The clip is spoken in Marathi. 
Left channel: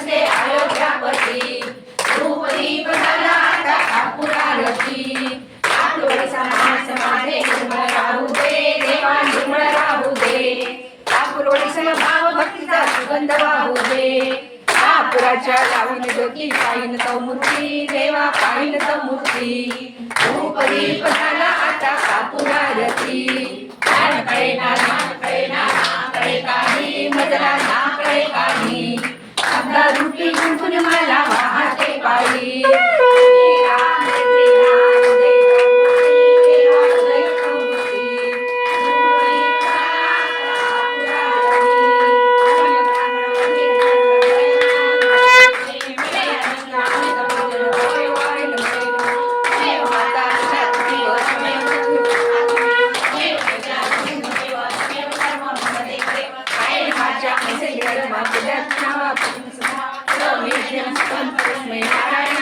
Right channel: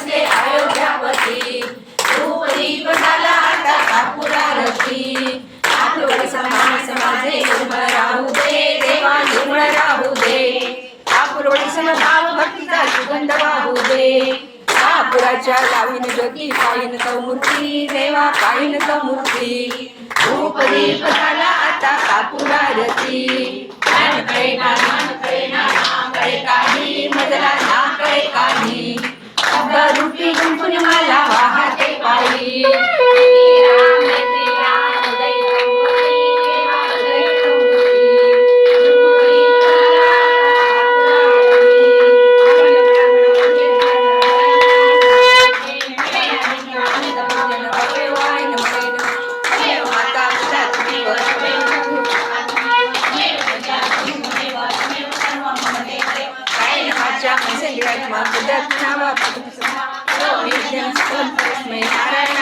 बसले अयोध्यापती धूप दीप झाला आता कापूर आरती कापूर समान माझे निर्मळ राहू दे देवा निर्मळ राहू दे कापूरवडी समभाव भक्तीचा सुगंध वाहू दे कापुराच्या लावीन ज्योती पाहिन तो मूर्ती देवा पाहिन तो मूर्ती धूप दीप झाला आता कापूर आरती ज्ञान कळे ना कळे काही मजला ना कळे काही शब्द रूपी गुंफून मला वाहते पायी नारायण